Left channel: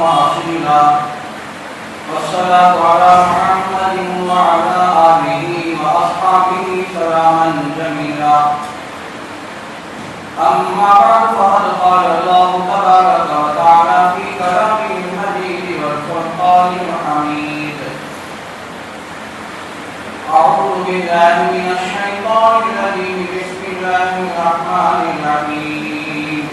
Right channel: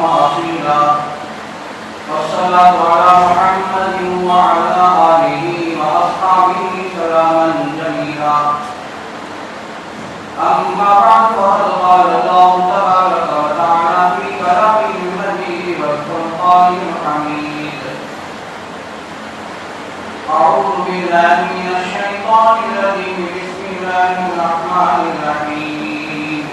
وأصيلا والصلاة على محمد وعلى آله وأصحابه سلاما جميلا أما بعد فقد قال الله تبارك وتعالى في كلامه المجيد والفرقان الحميد أعوذ بالله من الشيطان الرجيم بسم الله الرحمن الرحيم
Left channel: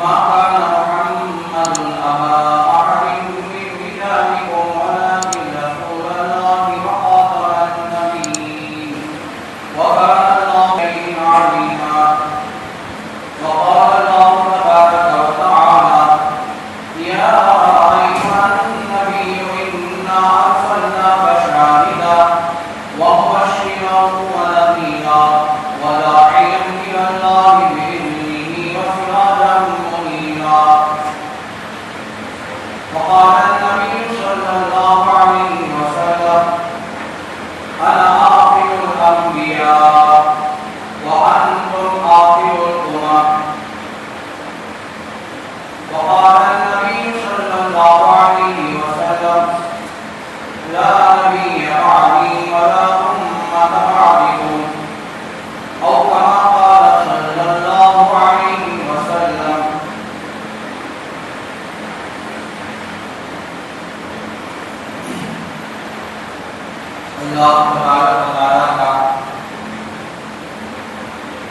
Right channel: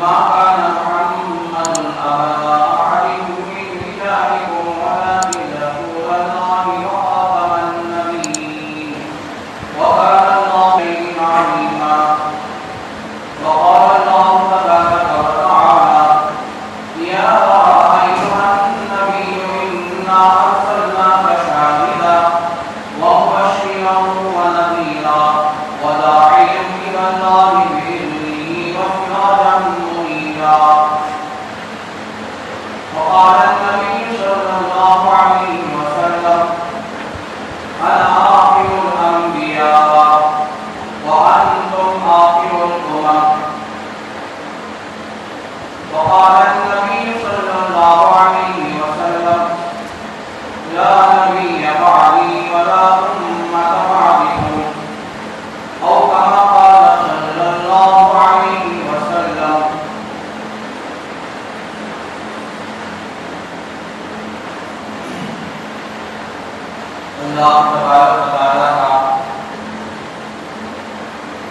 ما كان محمد أبا أحد من رجالكم ولكن رسول الله وخاتم النبيين وكان الله عليما وقال الله تبارك وتعالى يا أيها النبي إنا أرسلناك شاهدا ومبشرا ونذيرا وداعيا إلى الله بإذنه وسراجا منيرا وقال النبي صلى الله عليه وسلم أنا آخر الأنبياء وأنتم آخر الأمم وقال النبي صلى الله عليه وسلم لا نبي بعدي ولا أمة بعدكم أو كما قال صلى الله عليه وسلم اللہ تبارک و تعالیٰ کا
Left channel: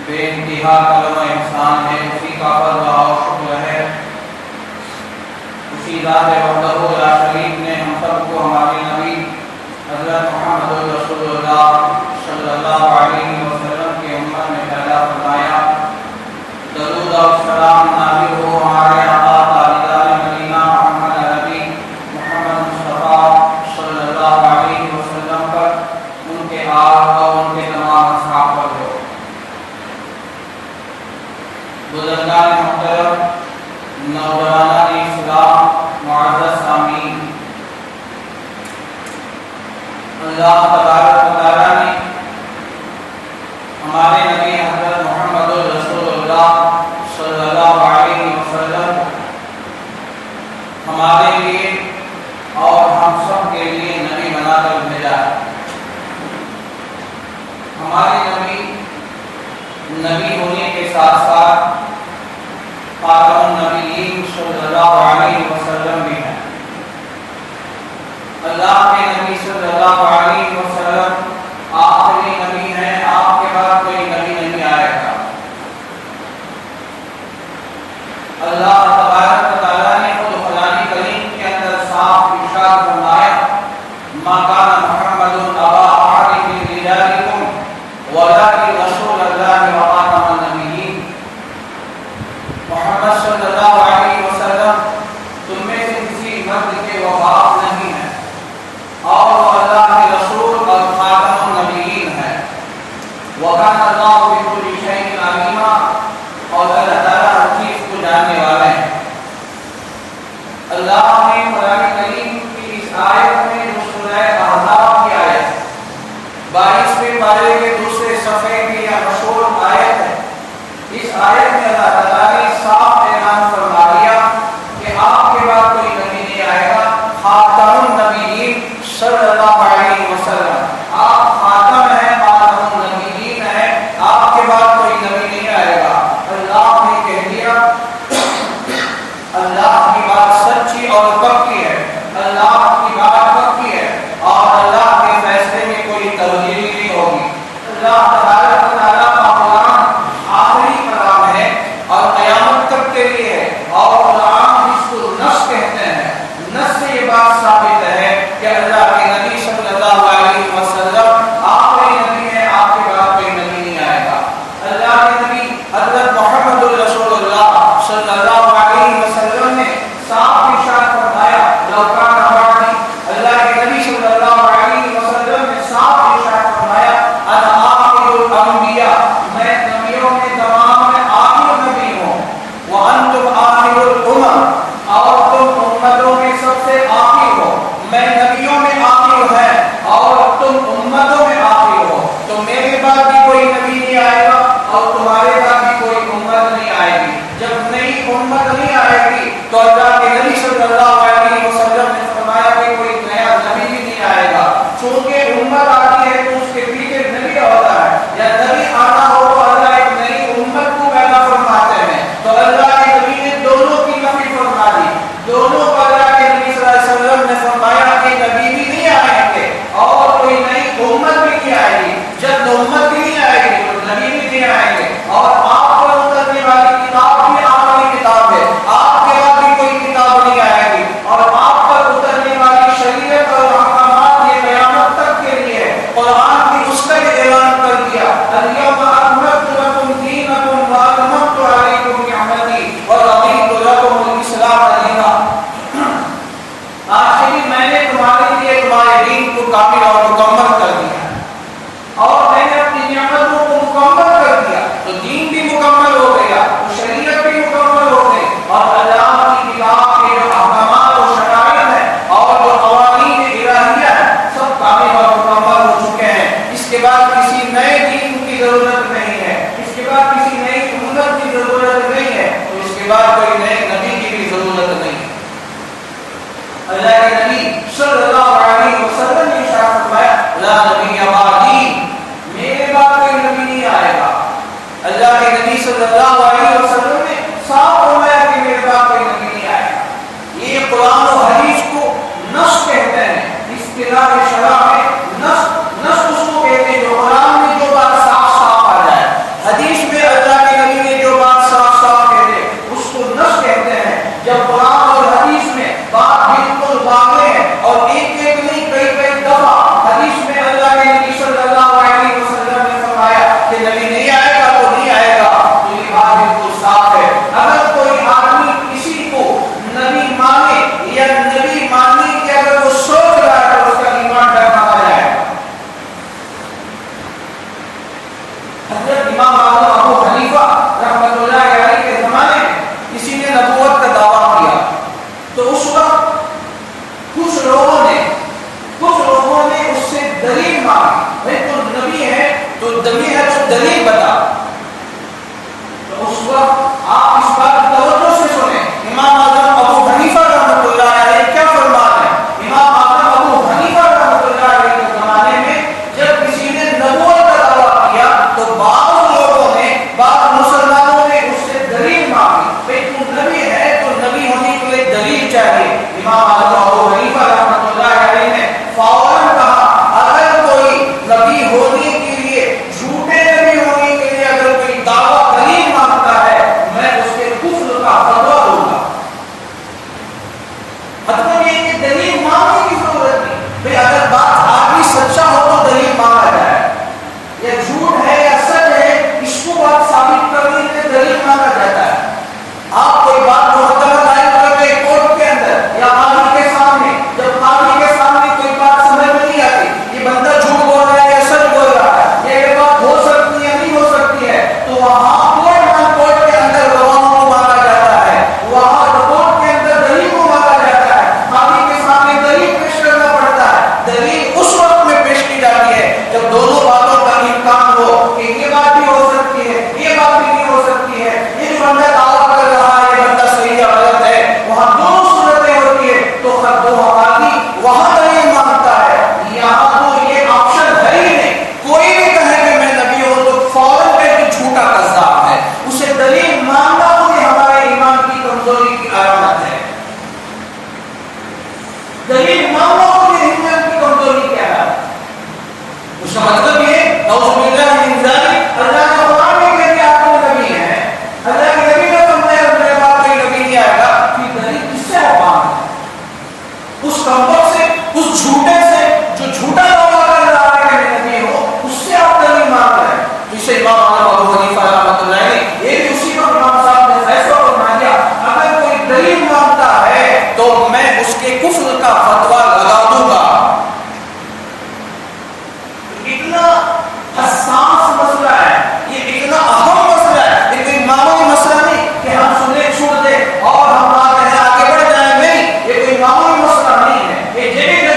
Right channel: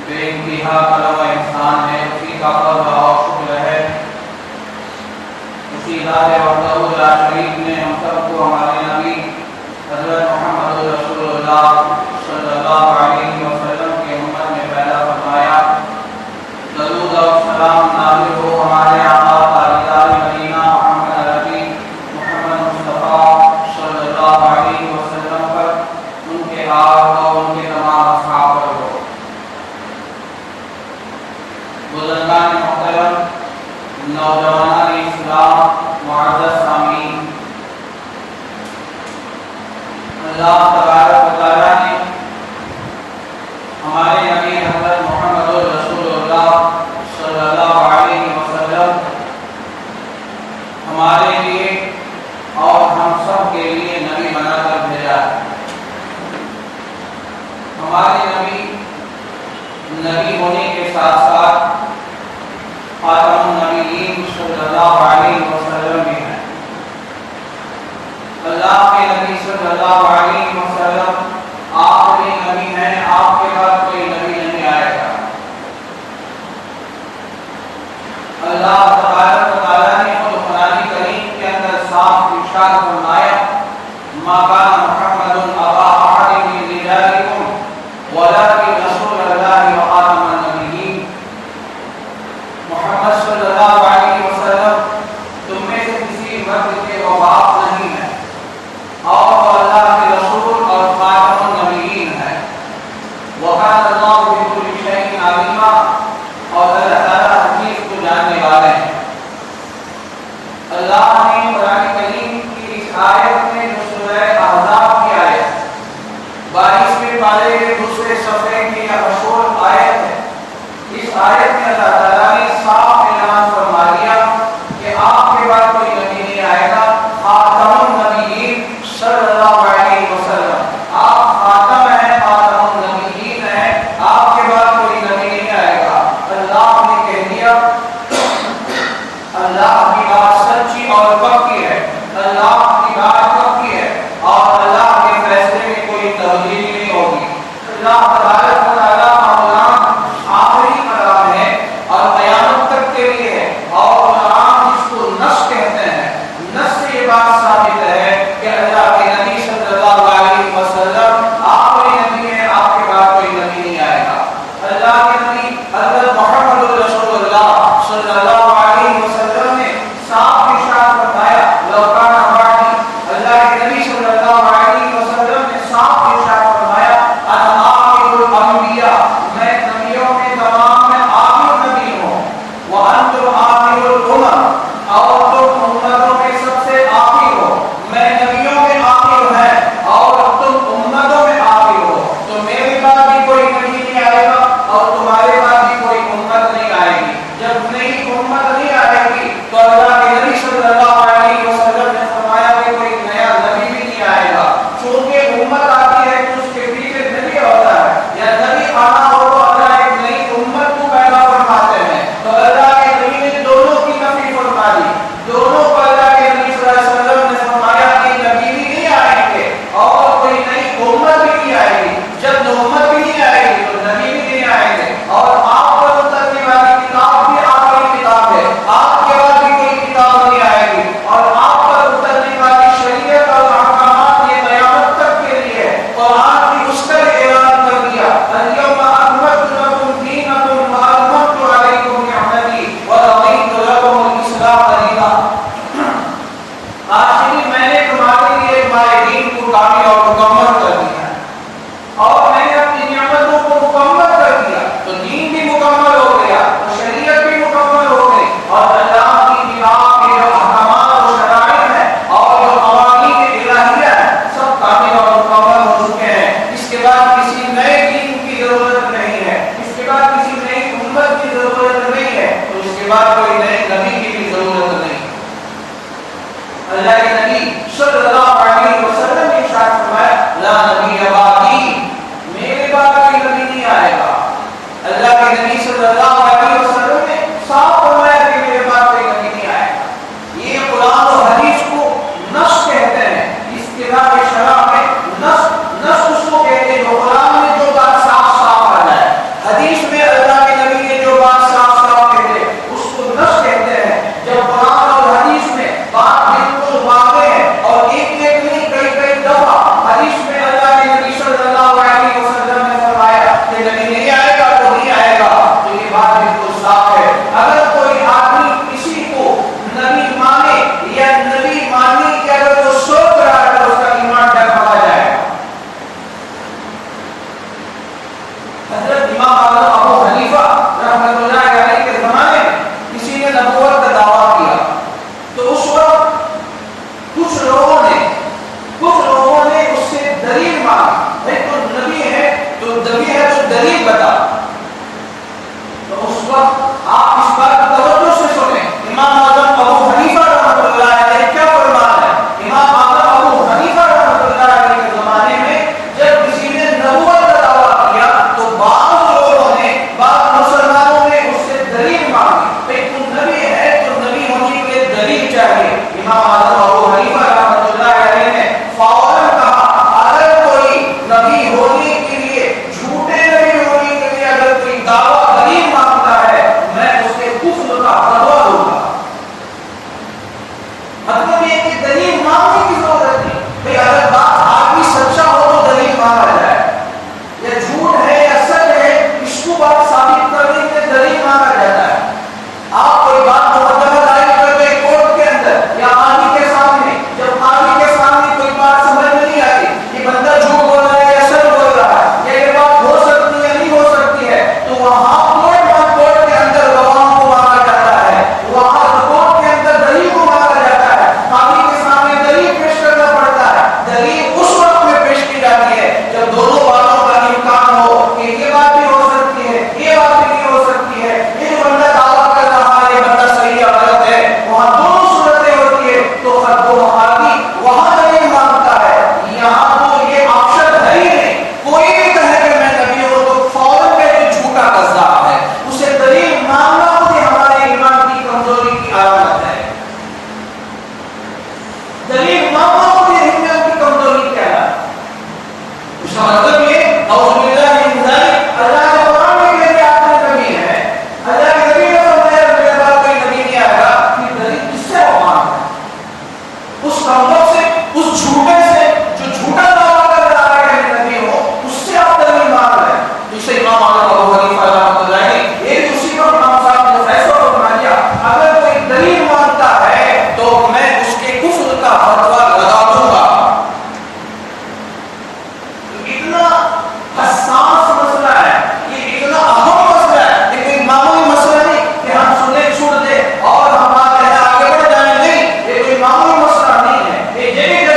بے انتہا کرم و احسان ہے، اسی کا فضل و شکر ہے، اسی ذات وحدہ لا شریک نے ہم سب کو ہمارے نبی حضرت محمد رسول اللہ صلی اللہ علیہ وسلم کی امت میں پیدا فرمایا۔ درود و سلام نازل ہو ہمارے آقا تاجدار مدینہ محمد عربی محمد مصطفیٰ صلی اللہ علیہ وسلم پر، ان کے آل اور ان کے تمام اصحاب پر ہو۔ بزرگان محترم، نوجوانان اسلام، معزز سامعین، اللہ تبارک و تعالیٰ نے ہمارے نبی حضرت محمد رسول اللہ صلی اللہ علیہ وسلم ہمارے لیے اور ہم سب کے لیے نبی بنا کر بھیجا ہے۔ ہمارے نبی ہونے کے ساتھ ساتھ خاتم النبیین صلی اللہ علیہ وسلم بھی ہیں۔ اللہ کے نبی صلی اللہ علیہ وسلم آخری نبی ہیں، آپ کے بعد کوئی نبی نہیں آئے گا۔ اللہ تبارک و تعالیٰ نے خود قرآن کریم کے اندر صاف ارشاد فرمایا ما کان محمد ابا احد من رجالکم ولکن رسول اللہ وخاتم النبیین۔ محمد صلی اللہ علیہ وسلم تم میں سے کسی مرد کے وہ باپ نہیں ہے، اور وہ اللہ کے رسول اور خاتم النبیین ہے۔ وَكَانَ اللَّهُ بِكُلِّ شَيْءٍ عَلِيمًا، اور اللہ تعالیٰ ہر چیز کو جاننے والے ہیں۔ اللہ نے قرآن کریم کی اس آیت میں جو سورہ احزاب کی آیت 22ویں پارے کے دوسرے صفحے کی یہ مشہور آیت ہے، اس آیت میں اللہ تعالیٰ نے صاف اعلان فرما دیا کہ آپ کے بعد کوئی نبی نہیں آئے گا، خاتم النبیین صلی اللہ علیہ وسلم، آپ خاتم ہیں، خاتم النبیین ہیں، آپ کے بعد کوئی نبی نہیں آئے گا۔ اللہ نے کہہ دیا، اللہ کی بات سچی اور پکی ہے، اللہ کی بات پکی ہے، اور اللہ کے فیصلے میں کوئی تبدیلی نہیں ہوگی۔ اللہ تبارک و تعالیٰ کا قرآن آخری کلام ہے اور قیامت تک کے لیے ہے، اور قرآن جس کو نص کہتے ہیں، نص سے یہ بات ثابت ہے کہ اللہ کے نبی صلی اللہ علیہ وسلم آخری نبی ہیں، آپ کے بعد کوئی نبی نہیں آئے گا۔ اللہ کے نبی حضرت محمد رسول اللہ صلی اللہ علیہ وسلم نے صاف ارشاد فرمایا لو کان بعدی، اللہ کے نبی صلی اللہ علیہ وسلم نے صاف ارشاد فرمایا انا آخر الانبیاء، میں نبیوں میں تمام میں آخر نبی ہوں، وانتم آخر الامم، اور تم امتوں میں سب سے آخر ہو۔ میں نبیوں میں آخر ہے اور تم امتوں میں آخر ہو، تو میرے بعد بھی کوئی نبی نہیں آئے گا اور تمہارے بعد بھی کوئی امت نہیں آئے گی۔ جب نئی اس کے بعد کوئی نئے نبی کی بھی ضرورت نہیں۔ اللہ کے نبی صلی اللہ علیہ وسلم نے ارشاد فرمایا لا نبی بعدی، میرے بعد کوئی نبی نہیں آئے گا۔ اللہ کے نبی صلی اللہ علیہ وسلم نے صاف فرمایا کہ میرے بعد کوئی نبی نہیں آئے گا۔ یہ قرآن و حدیث کو نص کہتے ہیں، اصطلاح شرع میں نص اس کو کہتے ہیں جو قرآن میں جو بات صاف صاف آ جائے، حدیث میں اللہ کے نبی نے جو بات صاف صاف کہتے ہیں اس کو نص کہتے ہیں۔ جب قرآن اور حدیث میں بات بالکل واضح ہے اور ایک نہیں کئی دفعہ حدیث میں اللہ کے نبی صلی اللہ علیہ وسلم نے فرمایا کہ نبی نہیں آئے گا تو نہیں آئے گا، تو یہ بات بالکل صاف ہے۔ اگر کوئی آدمی کسی کو نبی مانے یا نبی ماننے کی اگر وہ سوچ رہا ہے تو اس کا ایمان ڈگمگا جائے گا۔ حضرت امام اعظم ابو حنیفہ رحمۃ اللہ علیہ کے زمانے میں کسی نے نبوت کا دعویٰ کیا تو اس وقت کچھ لوگوں نے اس سے دلیل مانگی، بھائی تو نبی ہے تو دلیل بتا۔ تو اس وقت آپ اس بات کی توجہ سے سنیں، امام اعظم ابو حنیفہ رحمۃ اللہ علیہ کیا فرمان ہے۔ امام اعظم ابو حنیفہ رحمۃ اللہ علیہ کے زمانے میں جب کسی نے نبوت کا دعویٰ کیا تو بعض مسلمانوں نے اس سے دلیل مانگی، بھائی تو نبی ہے تو نبی ہونے کے لیے دلیل چاہیے۔ امام اعظم ابو حنیفہ رحمۃ اللہ علیہ نے فوراً کہا اگر کوئی نبی ہونے کے لیے جھوٹے نبی ہونے کے لیے اگر کوئی دعویٰ دلیل مانگتا ہے میں اس کے کفر کا فتویٰ دوں گا۔ مطلب یہ کہ دلیل مانگنے کی ضرورت نہیں، بھائی اگر بات آدمی سچا ہو تو دلیل مانگا جائے، یا جھوٹ ہے یا سچ ہے اس کو بات ثابت کرنے کے لیے دلیل مانگا جاتا ہے۔ آپ کوئی بات مقدمہ دائر کرتے ہیں کورٹ کے اندر یا قاضی کے سامنے، جب قاضی کے سامنے کوئی بات سمجھ میں نہیں آتی، یہ بندہ جھوٹ بول رہا ہے یا سچ بول رہا ہے یا یہ بات ہو سکتی ہے یا نہیں ہو سکتی ہے، تو وہاں کورٹ کے اندر گواہوں کو مانگا جاتا ہے، وہاں کورٹ کے اندر دلیل کو مانگا جاتا ہے، قاضی کے سامنے دلیل پیش کرنا پڑتا ہے۔ دلیل اس وقت میں پیش کی جاتی ہے جب دونوں باتوں کا امکان ہو کہ یہ بات بھی ہو سکتی ہے یہ بات بھی نہیں ہو سکتی ہے، یہ جو بندہ دعویٰ کر رہا ہے یہ بندہ صحیح یا غلط ہے، وہاں دونوں صورتیں ہوتی ہے تو وہاں دلیل مانگتا ہے۔ یہاں تو یہ آپشن ہے ہی نہیں، کوئی بھی کہے کہ میں نبی ہوں تو فوراً کہتے جھوٹا کذاب ہے، اسے دلیل مانگنا مجھے ہمارے ایمان کی کمزوری کی علامت ہے۔ دلیل مانگنا مجھے ایمان کی کمزوری کی علامت ہے۔ اس کا مطلب یہ اعوذ باللہ من ذالک، اللہ نے قرآن میں کہہ دیا آپ کو نبی ہے، اللہ کے نبی نے فرمایا میرے بعد کوئی نبی نہیں آئے گا، پھر دلیل کس سے مانگنا؟ اس کمبخت سے، اس جھوٹے سے جو جھوٹا دعویٰ کر رہا ہے کہ میں نبی ہوں، اس سے آپ دلیل مانگ رہے ہیں۔ جسے امام اعظم ابو حنیفہ رحمۃ اللہ علیہ یہ اسی وقت امام صاحب نے فیصلہ فرما دیا اگر کوئی دلیل مانگتا ہے تو میں اس کے کفر کا فتویٰ لگا دوں گا۔ اتنا حساس مسئلہ ہے، یہ اتنا اہم مسئلہ ہے، یہ کوئی معمولی مسئلہ نہیں کہ ہم سنے چھوڑ دیں اور ہم آگے بڑھ جائیں، نہیں، یہ کوئی معمولی مسئلہ نہیں ہے۔ یہ جگہ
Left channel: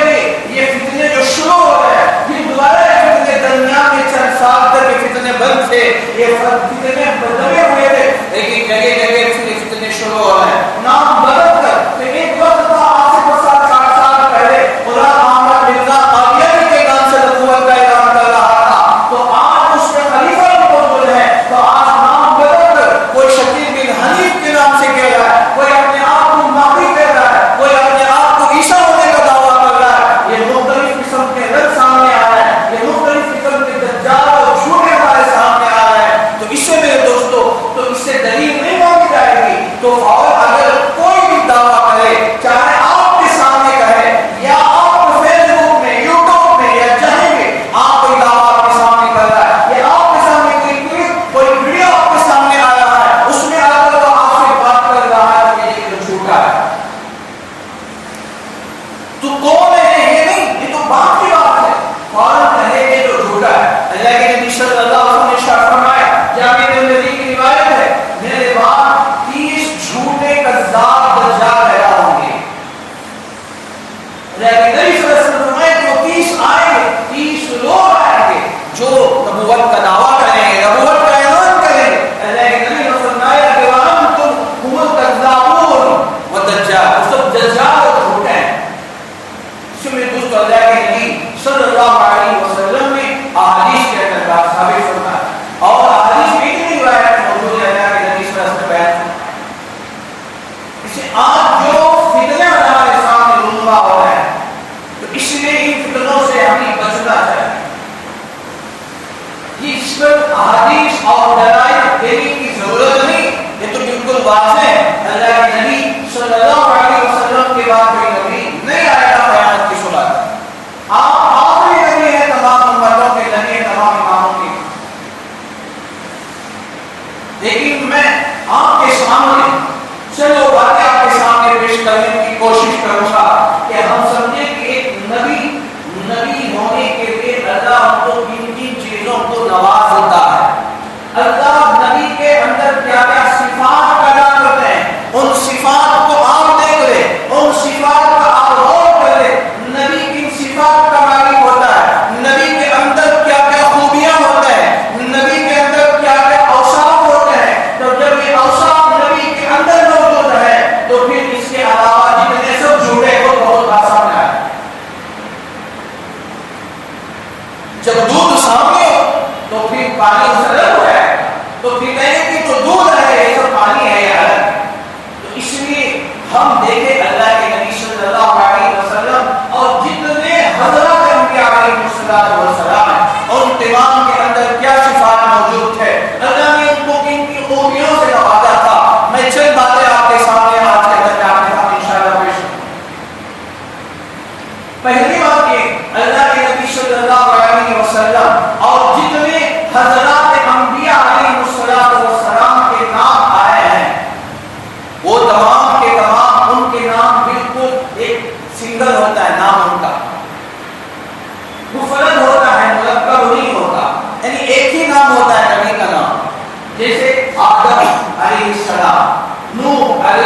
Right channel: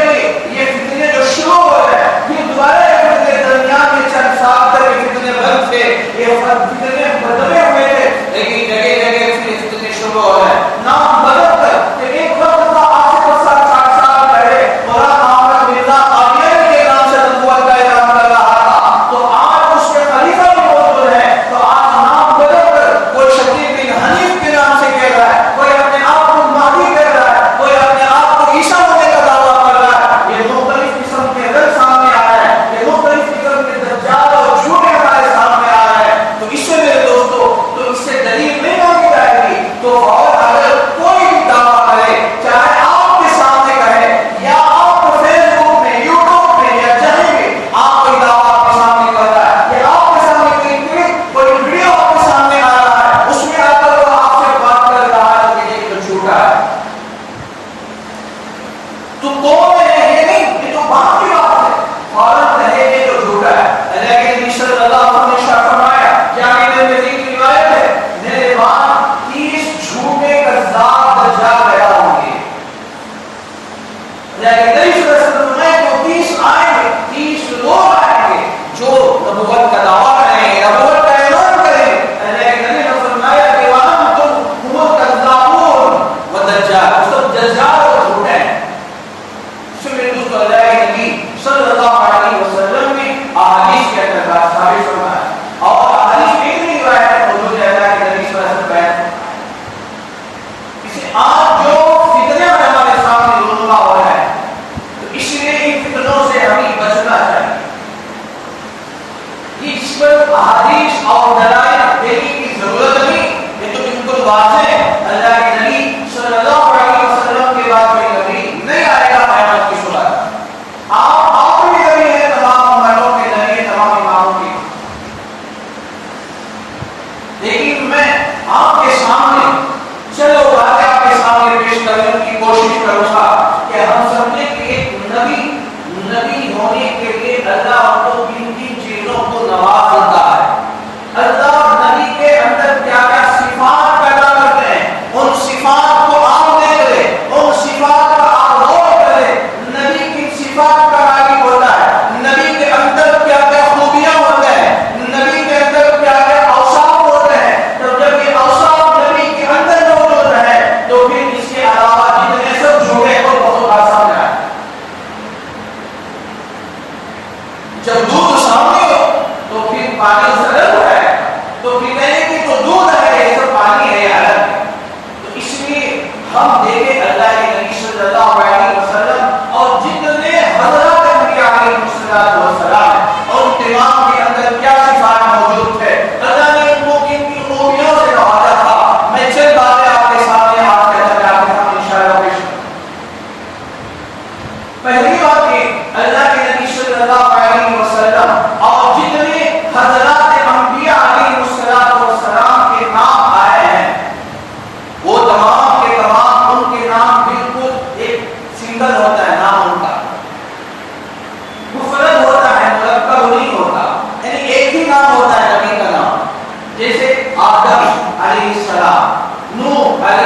یہ فتنے جو شروع ہو رہے ہیں، یہ دوبارہ فتنے درمیان میں چند سال تک یہ فتنے بند تھے، یہ فتنے بدلے ہوئے تھے، لیکن جگہ فتنے شروع ہو رہے ہیں نام بدل کر۔ کہ ایک وقت تھا آج سے 60 سال پہلے قرآن احمد مرزا قادیانی کے نام سے نبوت کا اعلان کر رہا تھا، تو آج اس کے خلیفہ بھی موجود ہے، تو آج نام بدل کر کوئی شکیل بن حنیف کے نام سے کہہ رہا ہے، کوئی اپنے آپ کو مہدی کہہ رہا ہے، کوئی اپنے آپ کو عیسیٰ ہونے کا دعویٰ کر رہا ہے۔ یہ مختلف قسم کے رد سامنے آ رہے ہیں، یہ مختلف قسم کے دجال اور جھوٹے ہمارے سامنے آ رہے ہیں۔ تو اس سے میرے دوستو تو اس سے دلیل نہیں مانگی جائے گی، تو اور اگر کوئی بھی دعویٰ کرے، چاہے آپ کے سامنے کہے یا آپ فیس بک میں یوٹیوب میں یا جہیں بھی آپ کوئی دعویٰ آپ کے سامنے کر رہا ہے یا آپ کے سامنے کوئی ویڈیو آپ کے سامنے آ رہا ہے، اس میں آ کر وہ آپ سے بات کر رہا ہے کہ یہ جو جھوٹا ہے تو کون ہے، یہ نہیں، یہ تو بات کی بات ہے، فوراً کہے یہ جو جھوٹا ہے۔ اللہ کے نبی صلی اللہ علیہ وسلم نے ارشاد فرمایا، جامع ترمذی کی روایت ہے، میرے بعد 30 جھوٹے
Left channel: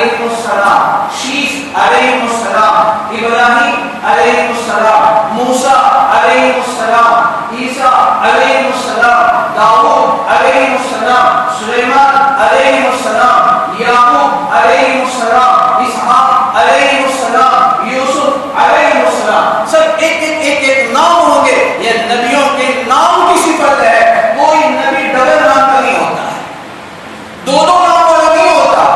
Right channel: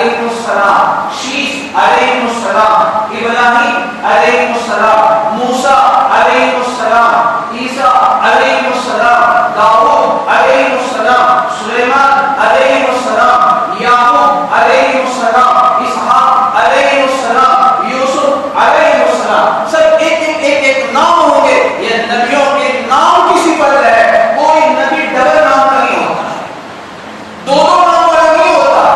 علیہ السلام، شیس علیہ السلام، ابراہیم علیہ السلام، موسیٰ علیہ السلام، عیسیٰ علیہ السلام، داؤد علیہ السلام، سلیمان علیہ السلام، یعقوب علیہ السلام، اسحاق علیہ السلام، یوسف علیہ السلام، سب ایک نام ہوں گے. یہ نبیوں کے نام کی صفت ہے. کوئی نبی ڈبل نام کا نہیں ہوتا، دو نام والا نہیں ہوتا.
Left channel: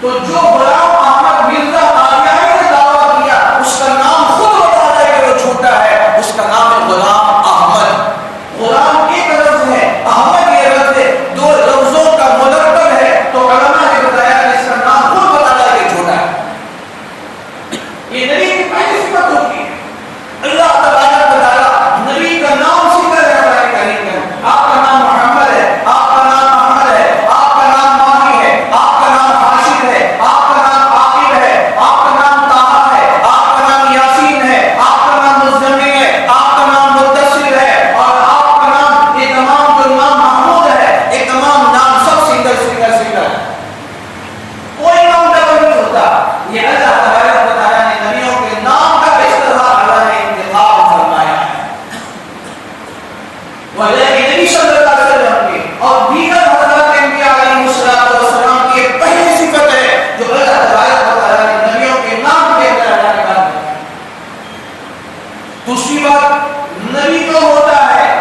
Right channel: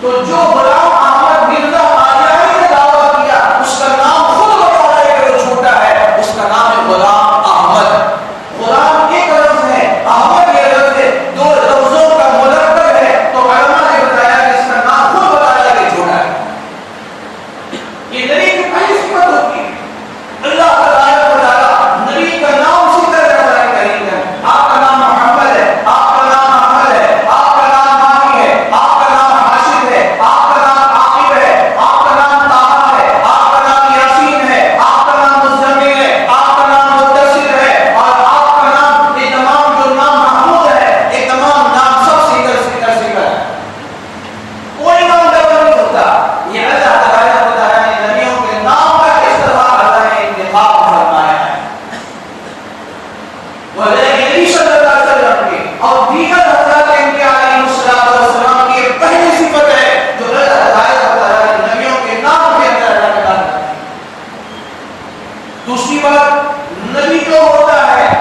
تو جو غلام احمد مرزا قادیانی نے دعویٰ کیا اس کا نام خود بتا رہا ہے کہ وہ جھوٹا ہے. اس کا نام ہے غلام احمد. غلام ایک لفظ ہے، احمد یہ لفظ ہے، دو لفظوں کا مرکب ہے. تو علماء نے بتایا کہ اس کا نام خود بتا رہا ہے کہ جھوٹا ہے. یہ نبی کی پہلی صفت ہوتی ہے. اللہ تبارک و تعالی نبی کا نام ذکر کرتا ہے کہیں کہ آپ کا نام محمد ہے، آپ کا نام احمد ہے، آپ کا نام ماہی ہے، آپ کا نام حاشر ہے، آپ کا نام عاقب ہے، آپ کا نام طٰہٰ ہے، آپ کا نام یاسین ہے، آپ کا نام مزمل ہے، آپ کا نام مدثر ہے، اور آپ کا نام یہ تمام جو نام محمود ہے، یہ تمام نام سب سیکر ہے. کوئی نام ڈبل نہیں ہوتا. یہ اللہ تبارک و تعالیٰ نے نبیوں کے نام کا کس طرح اللہ نے انتخاب فرمایا ہے. نبی صلی اللہ علیہ وسلم کے اور دیگر حضرات انبیاء علیہ السلام کی یہ پہلی صفت ہے جو اللہ تبارک و تعالیٰ نے نبیوں کے نام کے اندر اللہ نے ڈال دی. دوسری بات، نبی جو ہوتا ہے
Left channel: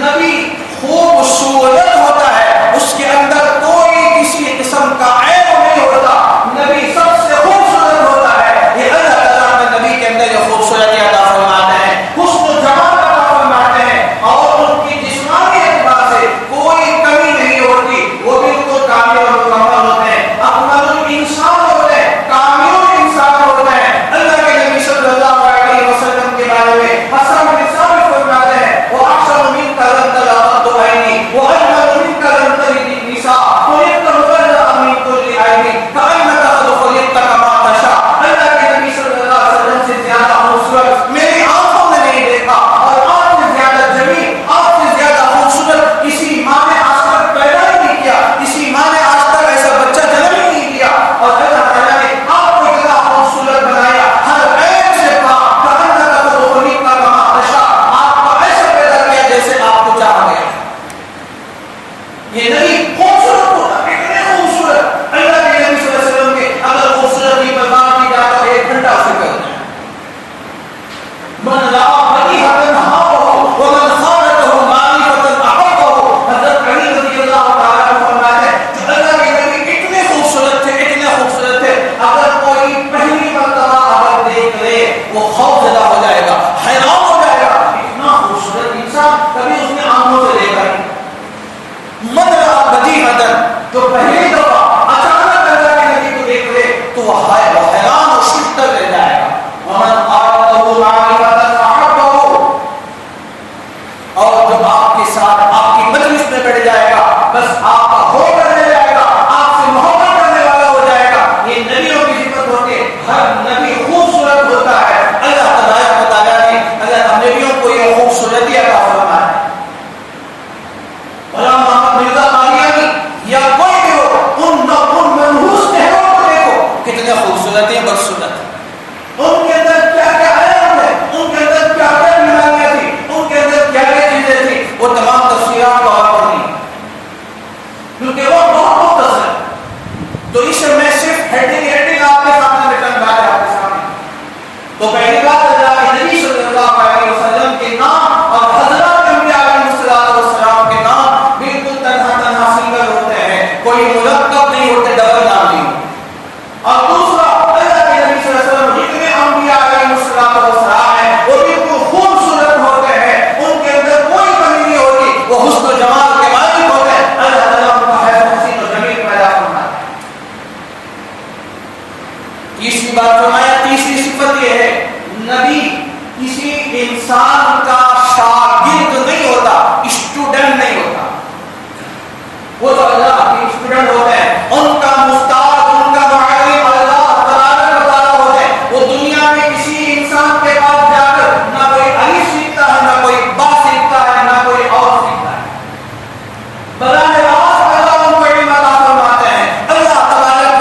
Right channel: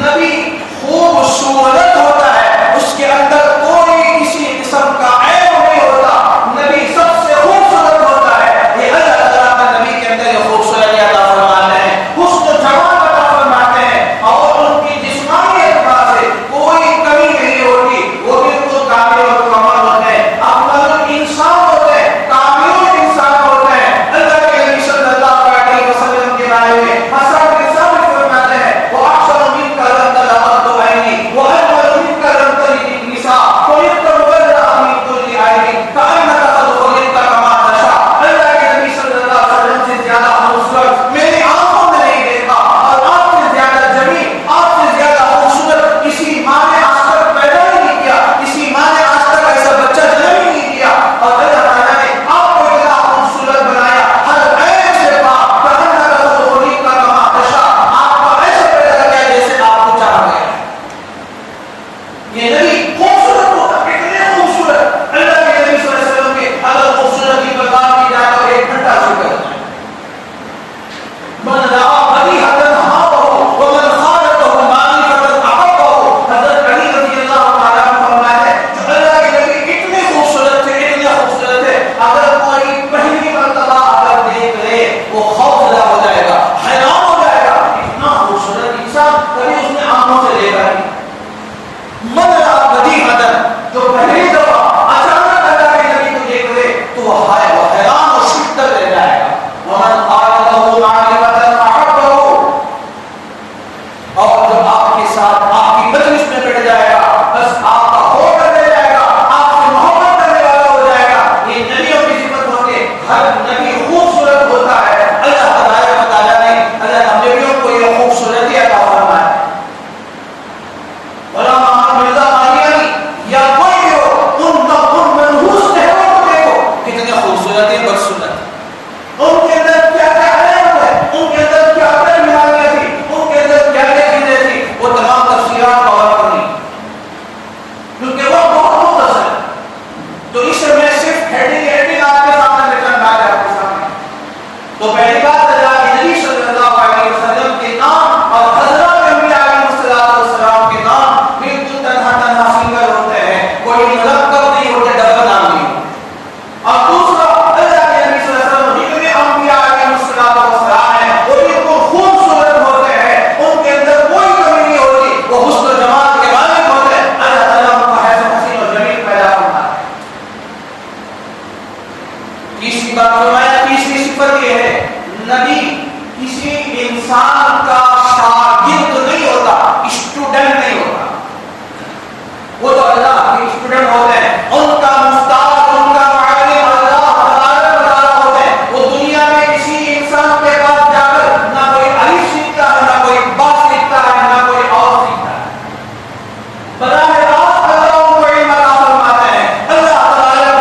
نبی خوبصورت ہوتا ہے، اس کے اندر کوئی کسی قسم کا عیب نہیں ہوتا. نبی سب سے خوبصورت ہوتا ہے. یہ اللہ تعالیٰ کا نبی کے اندر یہ خوبصورتی عطا فرماتے ہیں، حسن و جمال عطا فرماتے ہیں، اور ان کی جسمانی اعتبار سے کوئی کمی نہیں ہوتی. وہ بالکل کامل اور مکمل ہوتے ہیں، اکمل الانسان ہوتے ہیں، کامل الانسان ہوتے ہیں. اللہ کے نبی صلی اللہ علیہ وسلم کے بارے میں حسن بن ثابت فرماتے ہیں وہ احسن منک لم تلد عینی واجمل منک لم تلد النساء خلقت مبرأ من كل عیب کأنک قد خلقت کما تشاء. اللہ کے نبی صلی اللہ علیہ وسلم سے زیادہ خوبصورت میری آنکھوں نے نہیں دیکھا، اور آپ سے زیادہ جمیل، آپ سے زیادہ خوبصورت کسی ماں نے آج تک پیدا ہی نہیں کیا، کسی ماں نے آج تک ایسا بچہ جنم ہی نہیں دیا. اور اللہ تعالیٰ نے آپ کو اتنا خوبصورت بنایا، ہر عیب سے پاک، کأنک قد خلقت کما تشاء. آپ کو ایسے پیدا کیا جیسے آپ کو چاہا گیا. یہ نبی خوبصورت ہوتا، کتنے خوبصورت. اللہ کے نبی صلی اللہ علیہ وسلم کے اگر خوبصورتی پر بات کی جائے تو 1 گھنٹہ ذکر ہے. من رأى بدیہۃ ہابہ ومن خالطہ معرفۃ احبہ. حضرت علی رضی اللہ تعالیٰ عنہ فرماتے ہیں جو اللہ کے نبی اتنے خوبصورت تھے، اتنے خوبصورت تھے، اگر کوئی پہلی مرتبہ اگر دیکھ لے وہ خوف زدہ ہو جائے گا، حیران ہو جائے گا. اتنا خوبصورت انسان کبھی اس نے آنکھوں سے دیکھا نہیں. من رأى بدیہۃ، جو پہلی دفعہ اچانک اللہ کے نبی کو دیکھ لے تو وہ حیران اور شدت رہ جائے گا. ومن خالطہ معرفۃ احبہ، اور جو آپ کے ساتھ آپ کی مجلس میں بیٹھ جائے گا بس آپ کا ہو کرنے جائے گا، آپ سے محبت کرنے والا ہو جائے گا. یہ نبیوں کی صفت ہوتی ہے. ہر نبی خوبصورت ہوتا ہے. اللہ تبارک و تعالیٰ نے اللہ نبیوں کو یہ خوبصورتی عطا فرمایا. غلام احمد مرزا قادیانی یا کوئی بھی ہو، ان منحوس چہروں کو دیکھو کتنے خوبصورت ہیں، بدصورت. ان کے اندر کیا کیا عیب ہے، ان کے اندر کیا کیا بیماریاں تھی، ان کے اندر کیا کیا چیزیں تھی، وہ تمام تفصیلات کا وقت نہیں کیونکہ وہ بہت مختصر ہے. تو اس سے میں صرف ہیڈنگ آپ کے سامنے بیٹھا بات ہے آپ کے سامنے. تو پہلی بات اللہ کے نبی صلی اللہ علیہ وسلم کے نام اور حضرات انبیاء علیہ السلام کے نام بالکل تنہا سنگل ہوتے ہیں، کوئی مرکب نہیں ہوتے، ڈبل نام نہیں ہوتے. اور دوسرا اللہ کے نبی صلی اللہ علیہ وسلم جتنے انبیاء علیہ السلام ہیں وہ بالکل خوبصورت ہوتے ہیں، ان کے اندر کوئی کمی نہیں ہوتی، وہ حسن و جمال کے مالک ہوتے ہیں. اللہ تعالیٰ ان کا حسن حسین و جمیل پیدا کرتا ہے. تیسری بات فرمایا، تیسری صفت یہ ہے نبی کسی انسان کا شاگرد نہیں ہوتا، اسٹوڈنٹ نہیں ہوتا. وہ تو اللہ کے اسٹوڈنٹ ہوتے ہیں، ان کا مستاد، ان کا معلم اللہ تبارک و تعالیٰ ہوتے ہیں. وہ دنیا میں کسی انسان کے پاس جا کر نہ کوئی الف سیکھتا ہے، نہ کوئی با سیکھتا ہے، نہ کوئی اور سیکھتا ہے. براہ راست اللہ ان کو علم عطا فرماتے ہیں. اللہ تبارک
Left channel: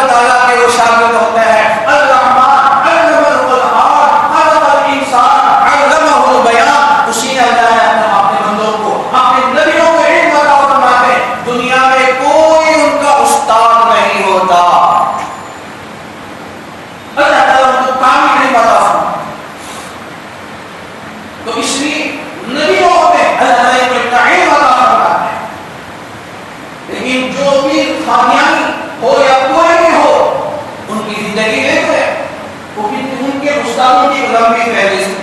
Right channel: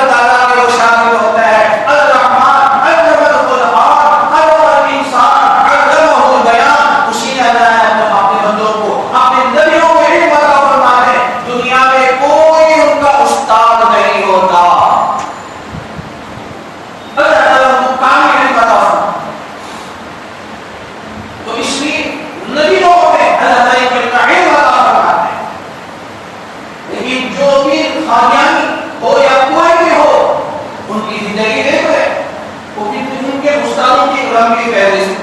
استادوں کی لمبی فہرست.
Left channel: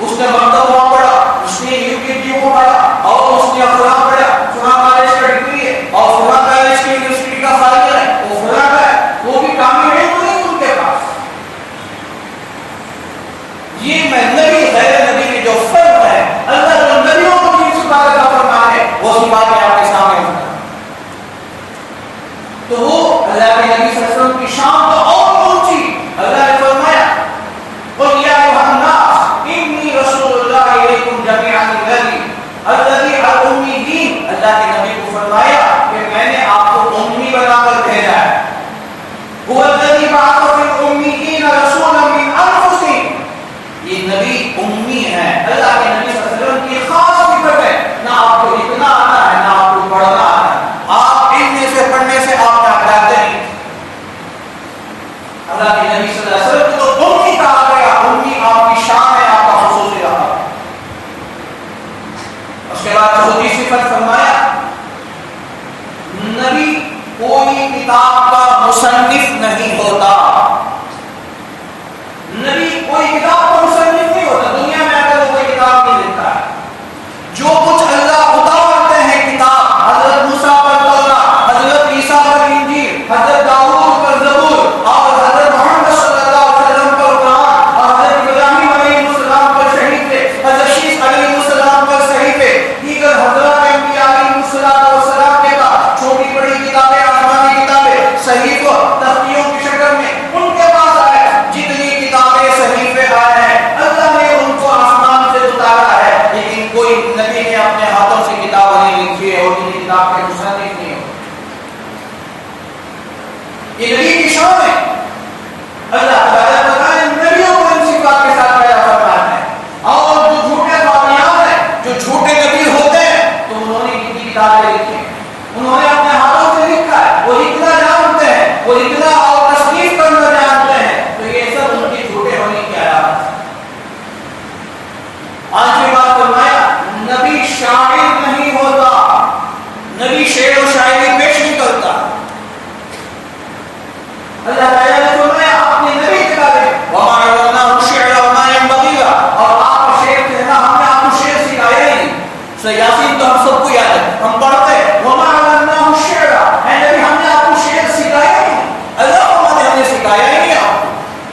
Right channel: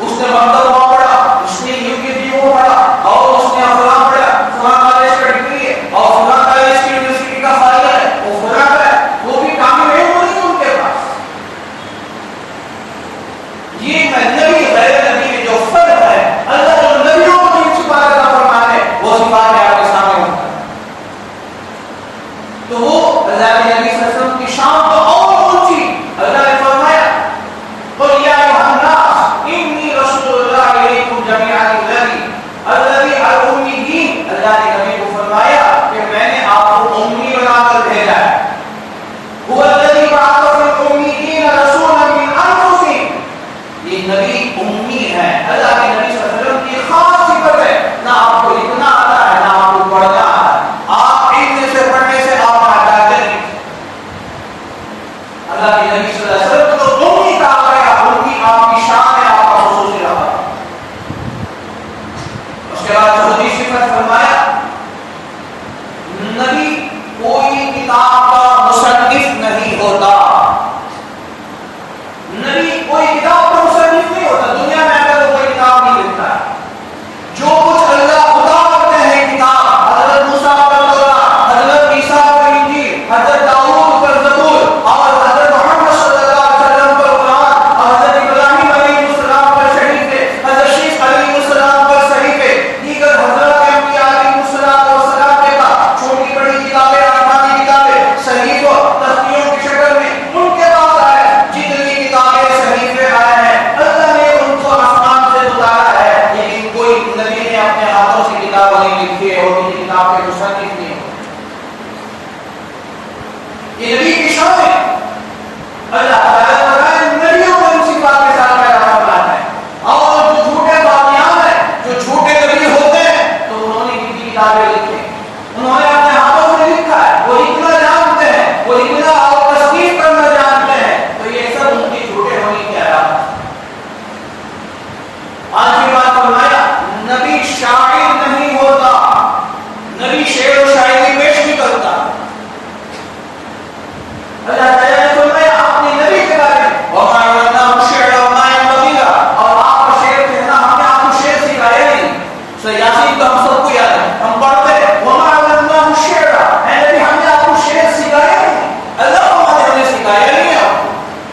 اس نے مکتب وہاں پڑھا, اس نے UKG کو پڑھا, اور اس نے فلاں پڑھا, فلاں کالج کا ڈگری ہے, اور فلاں کالج کی یونیورسٹی کا فائدہ ہے, وہ فلاں کا ہے. وہ بھی کامل ہے تو نہیں ان کے پاس. یہ نبی غیر نبی کے جو فرق ہے, اللہ جو نبیوں کو جن صفات عطا فرماتے ہیں وہ صفات آپ کے سامنے ہوتا ہے. تو وہ اللہ کے نبی صلی اللہ علیہ وسلم کی شان تو اور اونچی. اللہ نے فرمایا قل یا ایھا الناس انی رسول اللہ الیکم جمیعا الذی الامیین. اللہ نے نبی کو فرمایا کہ میں نے آپ کو امی بنا کر بھیجا ہے. هو الذی بعث فی الامیین رسولا من انفسہم. یہ نبی امی ہے. اللہ کے نبی صلی اللہ علیہ وسلم کی خاص صفت ہے, نہ آپ کو لکھنا آتا ہے نہ آپ کو پڑھنا آتا ہے. آپ علم سے پڑھنے سے آپ نہ ڈرتے نہیں. اللہ کے نبی صلی اللہ علیہ وسلم کو تو امی کہا گیا. امی آپ کی شان ہے, آپ کا خصوصی رہا. اس کے بعد چوتھی صفت فرمایا نبی کوئی کتاب کا مصنف نہیں ہوتا. نبی کوئی کتاب کا مصنف نہیں ہوتا. دنیا میں اگر کوئی کتاب نہیں لکھتا ہے, جو کچھ اللہ اتارتے ہیں کتاب, حضرت موسیٰ پر تورات, حضرت عیسیٰ پر انجیل, حضرت داؤد پر زبور, اور حضرت محمد صلی اللہ علیہ وسلم پر قرآن, اور حضرت ابراہیم علیہ السلام پر صحیفے, حضرت شیش علیہ السلام پر صحیفے, دیگر حضرت انبیاء علیہ السلام کے پاس چھوٹی بڑی کتابیں, آسمانی کتابیں, صحیفوں, تختیوں کی شکل میں ان کے پاس آئے. جتنی کتابیں صحیفے آئے ہیں اللہ نے ان کو آسمان سے اتارا ہے, لیکن کوئی نبی نے اپنے ہاتھوں سے کتاب نہیں لکھی ہے, اور ان کی کتاب کے مصنف نہیں ہو. یہ نبی کی شان ہے. اللہ تعالیٰ نے نبیوں کو ان صفات کے ساتھ پیدا فرمایا ہے. اور جو جھوٹے باطیان ہیں, جو جھوٹے نبی ہوتے ہیں, تو انہوں نے کتنی کتابیں لکھی ہیں, انہوں نے اپنے ہاتھوں سے لکھا ہے, وہ لکھنا جانتے ہیں, وہ لکھنا اور تصنیف کرنا جانتے ہیں. تو یہ سب ان کی جھوٹے ہونے کی علامت ہے. آخری بات فرمایا نبی شاعر نہیں ہوتا. نبی شعر و شاعری پیش نہیں کرتا. اللہ تعالیٰ نے فرمایا اپنے نبی کے بارے میں وَمَا عَلَّمْنَاهُ الشِّعْرَ وَمَا يَنبَغِي لَهُ, اور آپ کو شعر کہنا, ہم نے آپ کو شعر سکھایا ہی نہیں. سورہ یاسین تو ہم سب کو یاد ہے, ہم پڑھتے ہیں وَمَا عَلَّمْنَاهُ الشِّعْرَ, اے نبی ہم نے آپ کو شعر سکھایا ہی نہیں. اللہ فرماتے ہم نے سکھایا ہی نہیں آپ کو.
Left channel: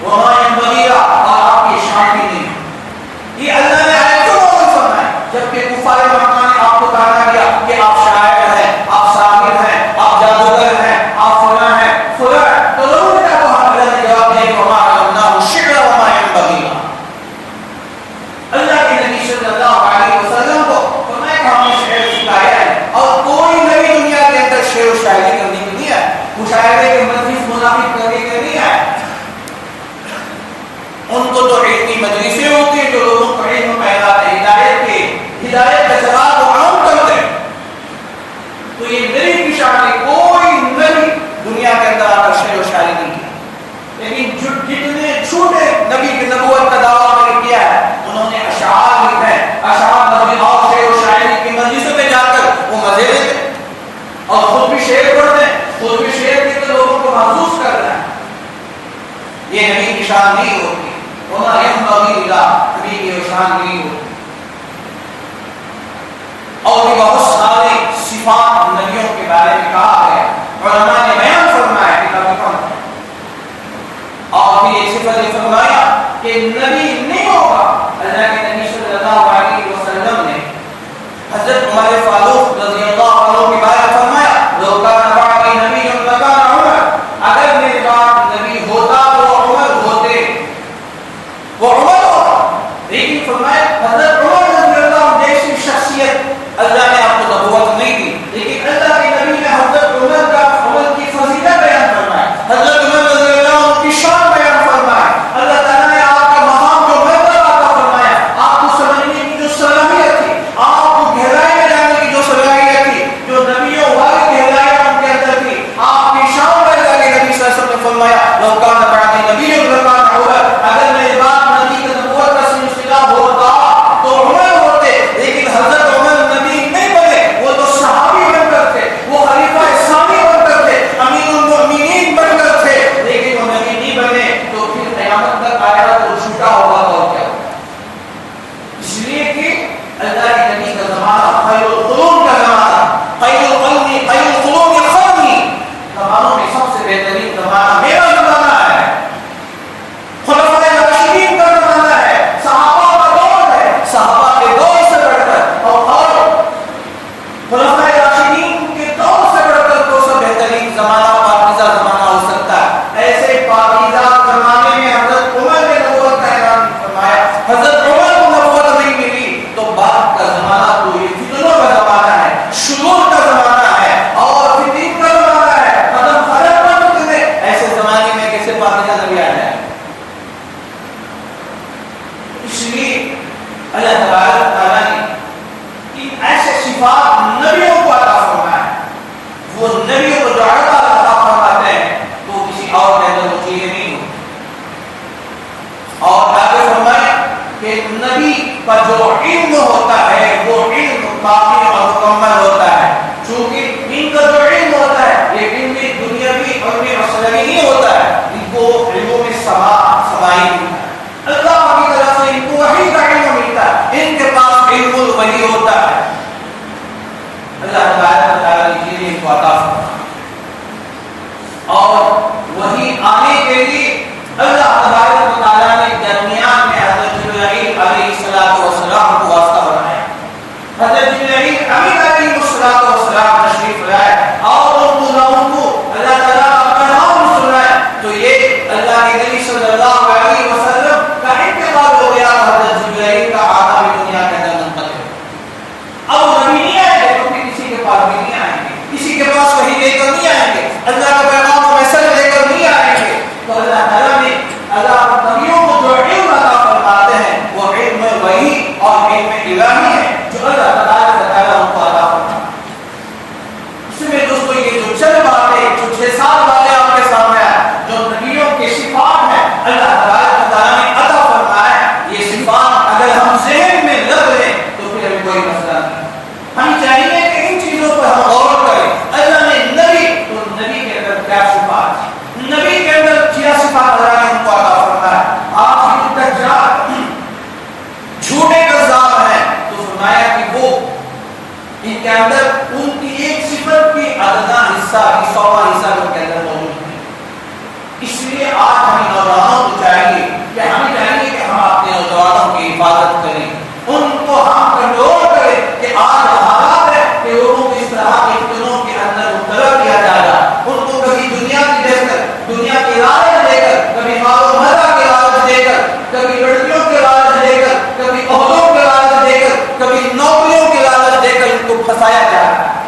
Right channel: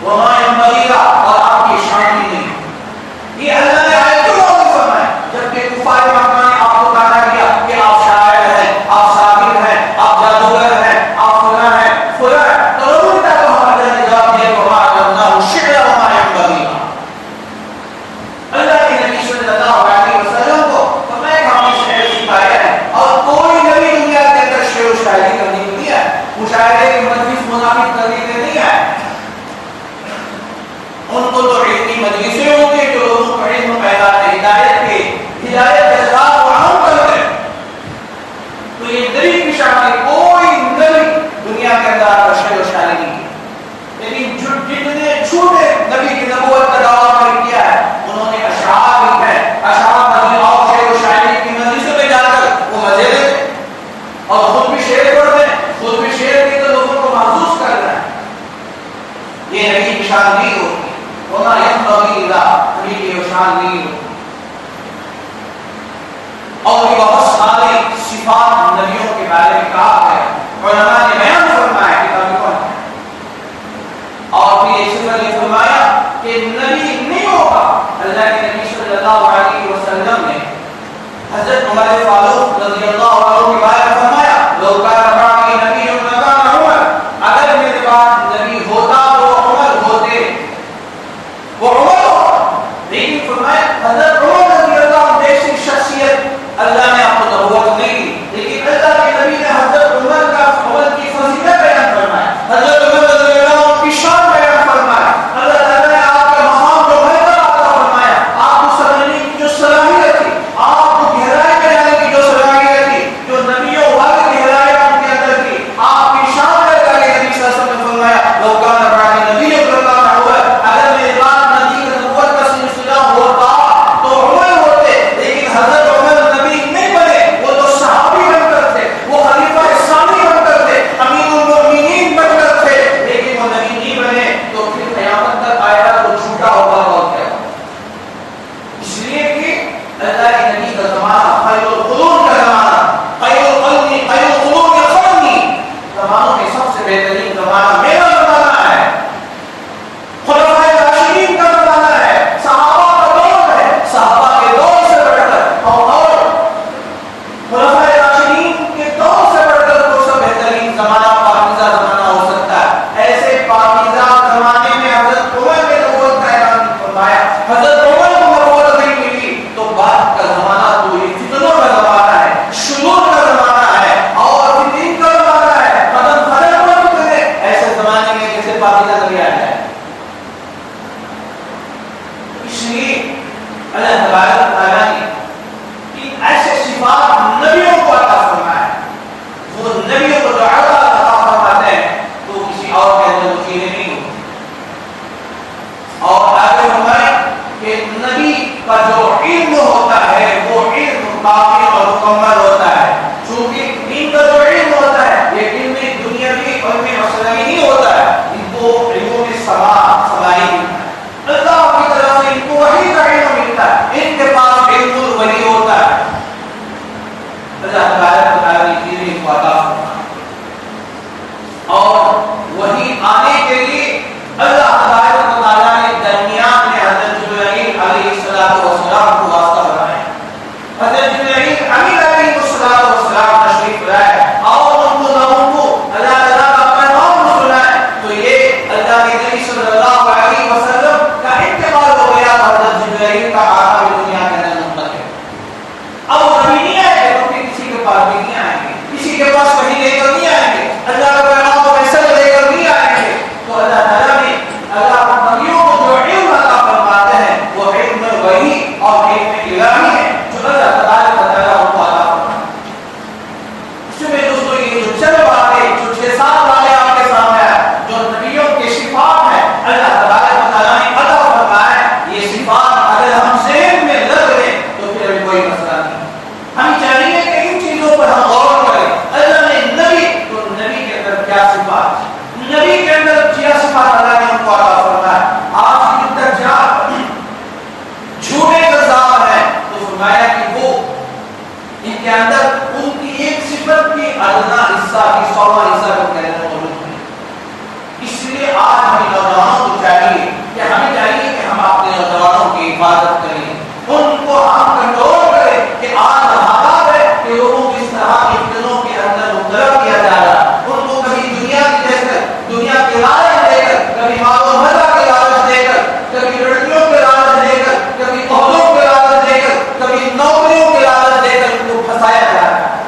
وَمَا يَنبَغِي لَهُ, اور آپ کی شان بھی نہیں. یہ اللہ نے آیتوں میں فرمایا. جبکہ کفار مکہ نے آپ کو کہا گیا کہ آپ شاعر ہیں, آپ ساحر ہیں, آپ جادوگر ہیں, آپ فلاں ہیں, فلاں, تو لوگوں نے کہا اللہ نے جواب دیا وَمَا عَلَّمْنَاهُ الشِّعْرَ وَمَا يَنبَغِي لَهُ. اللہ کے نبی صلی اللہ علیہ وسلم کو فرمایا کہ ہم نے شعر سکھایا ہے, اور کوئی نبی دنیا کے اندر شعر و شاعری کرنے کے لیے, مشاعرے کے مجلس منعقد کرنے کے لیے ہے. ان کو تو علمی مجلسیں ہوتی ہیں جو لوگوں کو علم پیدا ہے, ہدایت کا جواب وہ عام کرتے ہیں. تو یہ نبی کی شان ہے. کوئی نبی دنیا کے اندر آ کر شعر و شاعری نہیں کی. لیکن جتنے چھوٹے نبی کی نبوت کا دعویٰ کیا ہے, انہوں نے اشعار لکھے, اشعار نبی اور شعر و شاعری کی مجلسوں میں جا کر وہ مزے لیتے, اور خود بھی شعر پڑھتے ہیں, خود بھی شعر کے تو لوگوں کو محسوس کر رہے ہیں. یہ نبی کی شان نہیں ہوتی. وَمَا يَنبَغِي لَهُ, نبی کی شان نہیں ہوتی. اور بھی بہت سارے صفات نبیوں کے بارے میں کہا ہے, علماء نے بیان فرمایا کتابیں پڑھ. اور پھر ایک صفت نے فرمایا کہ نبی نہیں ہوگا. اللہ کے نبی صلی اللہ علیہ وسلم نے حضرت عمر فاروق رضی اللہ عنہ کے بارے میں فرمایا لو کان بعدی نبی لکان عمر, اگر میرے بعد نبی ہوتا تو عمر ہوتے, وہ عمر ہوتا. لیکن فرمایا حضرت عمر رضی اللہ عنہ جیسی شخصیت اللہ نے آپ کو نبوت نہیں دی, لیکن اللہ کے نبی نے حضرت عمر کا عمر کی فضیلت سب سے بہترین زمانہ میرا زمانہ ہے، خلفائے راشدین کا زمانہ ہے، صحابہ کا دور ہے، صحابہ کے دور سے بڑھ کر اور خلفائے راشدین کے دور سے بڑھ کر کوئی سا بہترین زمانہ پاکیزہ زمانہ ہو سکتا ہے؟ ایسے پاکیزہ زمانے میں حضرت عمر نے نبوت کا اعلان فرمایا، حضرت عمر کو نبوت نہیں ملی تو بعد کا زمانہ تو یہ فتنوں کا زمانہ ہے، شرور کا زمانہ ہے اور فتن کا زمانہ ہے، قدم قدم پر فتنے، ایسے زمانے میں کیسے پاکیزہ نبی آ جائے؟ اس لیے اللہ تبارک تعالیٰ نے ایسے صفات نبیوں کو عطا فرمایا، وہ نبیوں کو جو عطا فرماتے ہیں تو کسی اور کے اندر وہ چیزیں نہیں ہوتی۔ اور آگے فرمائے کہ نبی کا جو علم ہوتا ہے وہ علم باقی اور مکمل ہوتا ہے، چونکہ ان کا جو علم ہوتا ہے یہ علم دنیاوی علم اصلی نہیں ہوتا ہے، ان کو علوم سمائی ملتا ہے، اللہ کی طرف سے ان کو وحی کا علم ملتا ہے، ان کے پاس علم الوحی ہوتا ہے، اللہ تبارک و تعالیٰ نے ان کو عطا فرمایا۔ اور وہی آنے کے لیے اللہ تبارک و تعالیٰ نے درمیان میں حضرت جبرائیل علیہ السلام کو واسطہ بنایا، حضرت جبرائیل امین علیہ السلام تشریف لائے اور ان کو اللہ تعالیٰ کا پیغام سنائے، تو یہ اللہ کے نبی صلی اللہ علیہ وسلم کا انتقال ہو گیا، حضرت جبرائیل کا آنا بھی دنیا کے اندر منتقل ہے۔ اب نبی نہیں آئے گے تو پھر کسی کے پاس بھی نہیں آئیں گے، کسی کے پاس وحی لے کر نہیں آئیں گے، اللہ کا پیغام و میسج لے کر نہیں آئیں گے، تو اللہ تعالیٰ نے اللہ نبیوں کو جو علم عطا فرماتے ہیں وہ علم وحی اور علم الہی ہے جو اللہ تبارک و تعالیٰ ان کو عطا فرماتا ہے۔ اس میں دوستو یہ جو چند باتیں جو 6-7 والے آپ کے سامنے آئے جو نبیوں کے صفات ہیں اللہ تبارک و تعالیٰ نے عطا فرمایا، یہ صفات اگر ہم ذہن میں لگ لیں تو پھر کوئی مسئلہ نہیں۔ ہم چاہیے کہ ان چیزوں پر ہم غور کریں، اللہ نے نبی تو نبی کے اندر کیا صفات، نبی کے اندر کیا صفات اللہ نے ان کو عطا فرمایا۔ آج کی دجال جھوٹے کذاب ہیں تو فرمایا کہ وہ ان کے اندر ان کی ایک صفت کی ادنا حصہ کی 100واں حصہ ان کے اندر موجود ہے۔ اس لیے آج ہمیں نوجوانوں کو چاہیے کہ ہم اپنے نوجوانوں کی حفاظت کریں، ان کو ہم کنٹرول کریں کہ آج حالات ہے کہ لوگوں کو اس طرح کے فتنوں کے اندر مبتلا کیا جا رہا ہے، ان کو کبھی دنیا کی دے کر، دنیا کی لالچ دے کر، کبھی مال و متا کی لالچ دے کر، کبھی لڑکیوں کی لالچ دے کر، کبھی عہدوں کی لالچ دے کر، کبھی نوکریوں کی لالچ دے کر ان کو پھنسایا جا رہا ہے۔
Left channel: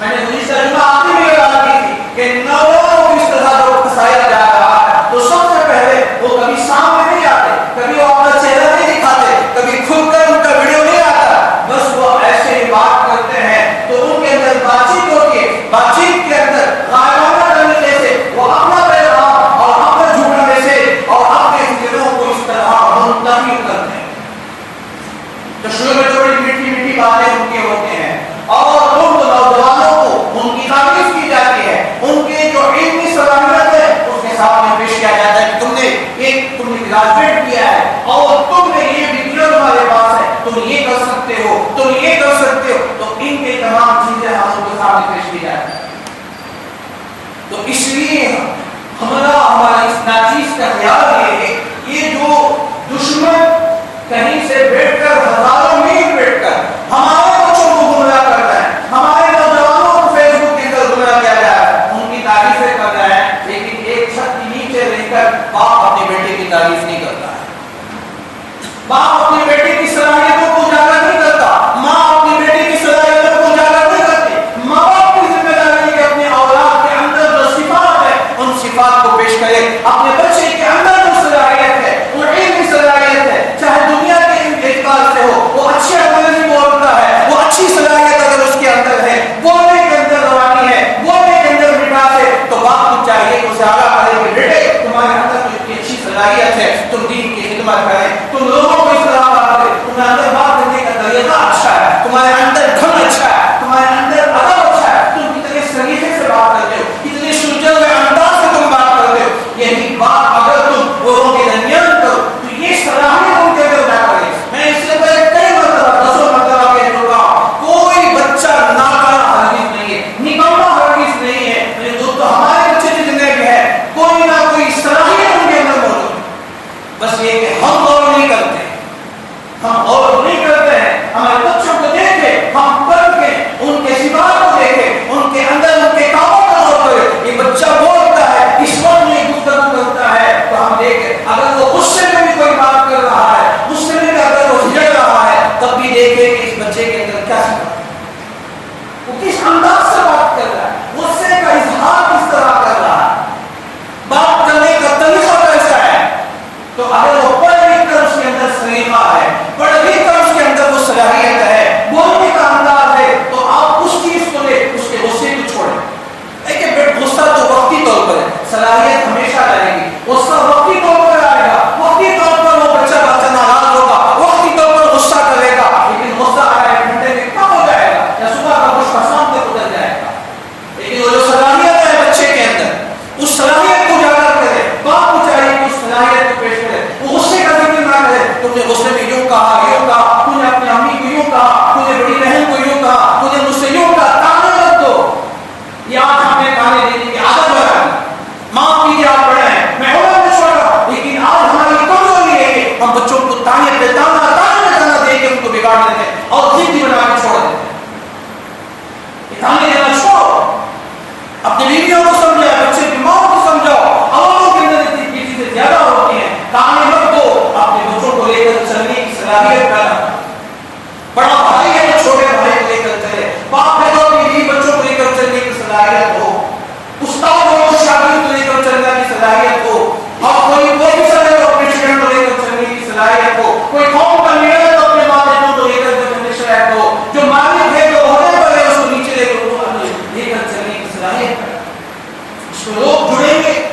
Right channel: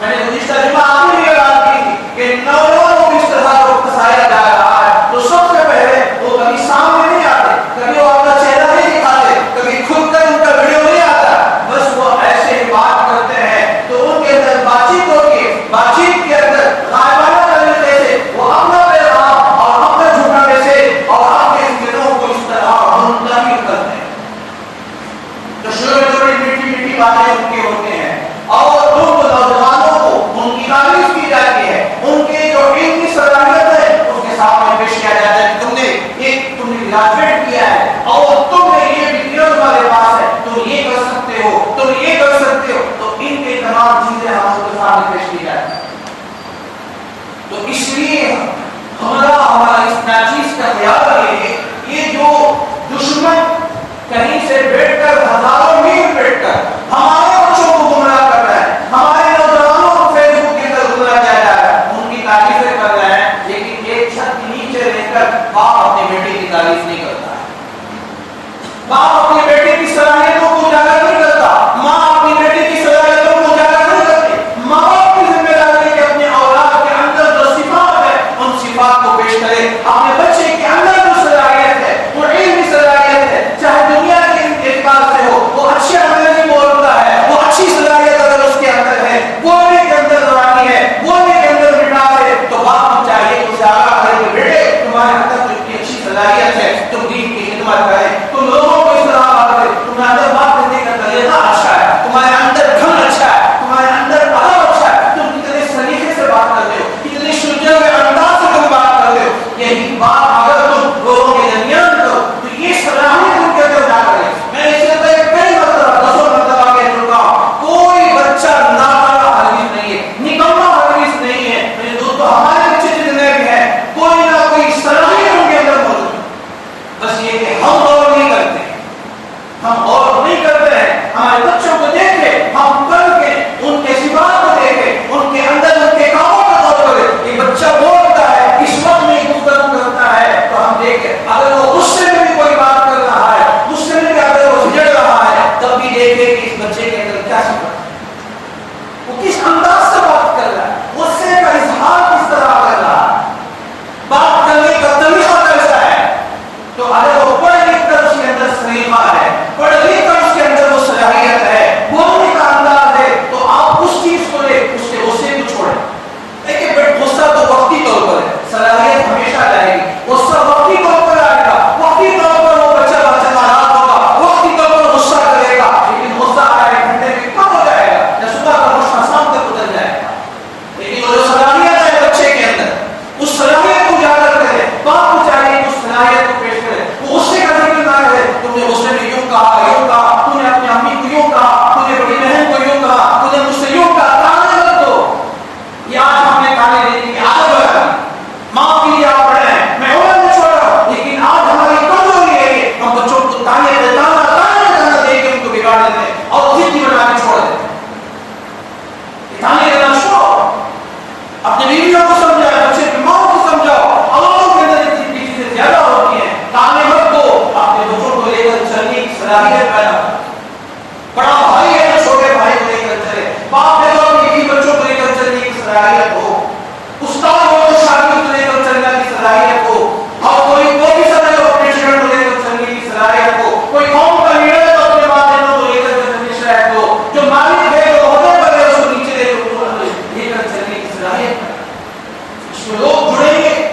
میں نے گزشتہ جمعہ آخری بھی اعلان کی تھی کہ نوجوانوں کو اس طرح کو پھنسایا جا رہا ہے، تو سب سے پہلے وہ کبھی سامنے نہیں آتے، کبھی وہ اپنا چہرہ نہیں دکھاتے، کبھی کھل کر ان کا ویڈیو نہیں آتا، بس وہ ایسے ہی بات کرتے ہیں تو ان کے اندر بات چیت ہوتی ہے، بات چیت کے اندر غائبانہ طریقے سے وہ اپنا پیغام اور اپنا جھوٹا میسج اور اپنے چیزوں کو اس طرح منتقل کرتے ہیں۔ تو چھوٹی میٹھی باتیں ان کی ہوتے ہیں اور ان نوجوانوں کو ان کی تعریف کی جاتی ہے، ان کے جو علمی صلاحیت ہے اس کے سامنے پیش کیا جاتا ہے کہ تم نے گریجویٹ کیا ہے اور تم نے یہ ڈگری تمہارے پاس ہے، تم یہ کر سکتے ہو، تم یہ کر سکتے ہو، تو ان کے تمام چیزیں ہم ان کے سامنے پیش کی جاتی ہیں۔ تو اس لیے ہمارا اس ناچیز کا خیال یہ ہے، یہ جو دشمن کہیں سے بیٹھ کر ہزاروں میل بیٹھ کر ہمارے بچوں کو گمراہ کر رہا ہے، ہمارے نوجوانوں کو فیس بک کے اندر گمراہ کیا جا رہا ہے، ان کی تعریفیں کر رہے ہیں، لیکن ایک چھت کے نیچے رہ کر باپ اپنے بیٹے کی تعریف نہیں کرتا، باپ اپنے بیٹے کی صلاحیتوں کو اجاگر نہیں کرتا، ماں اپنی بیٹے کی صلاحیتوں کو اجاگر نہیں کرتی۔ ماں باپ کی ذمہ داری ہے کہ اپنے اولاد کے اندر جو صفات ہے ان صفات کو پیش کرے، اپنے بچے کے اندر جو صلاحیت ہے وہ علمی صلاحیت ہے، چاہے دنیا کے اعتبار سے ہو، وہ اچھی انگریزی بولتا ہے، وہ اچھی صلاحیت اگر اس کے اندر ہے، بولنے کے اندر زبانی ہے، بولنے کے اندر مٹاس ہے، تو باپ کو چاہیے کہ اسے آگاہ کرے کہ بیٹے تمہارے اندر تو اتنی اچھی صلاحیت ہے، تم دین کی خدمت کریں، تم لوگوں کو اس طرح بات کریں، تمہارے اندر بات کرنے کا طریقہ اچھا ہے، تمہارے اندر دھن اچھا ہے، تمہارے اندر ادب اچھا ہے، تم کتنے سلیقے سے بات کرتے ہو، کتنے شجاع انداز سے تم بات کرتے ہو، یہی بات اگر تم لوگوں کے درمیان کرو تو یہ صلاحیت ان کے اندر جا کرے۔ میں اس سے پہلے کئی مرتبہ 10 مرتبہ کہہ چکا ہوں، کوئی بچہ ناکارہ ہرگز نہیں ہے، نکما ہرگز نہیں ہے، تو ہمارے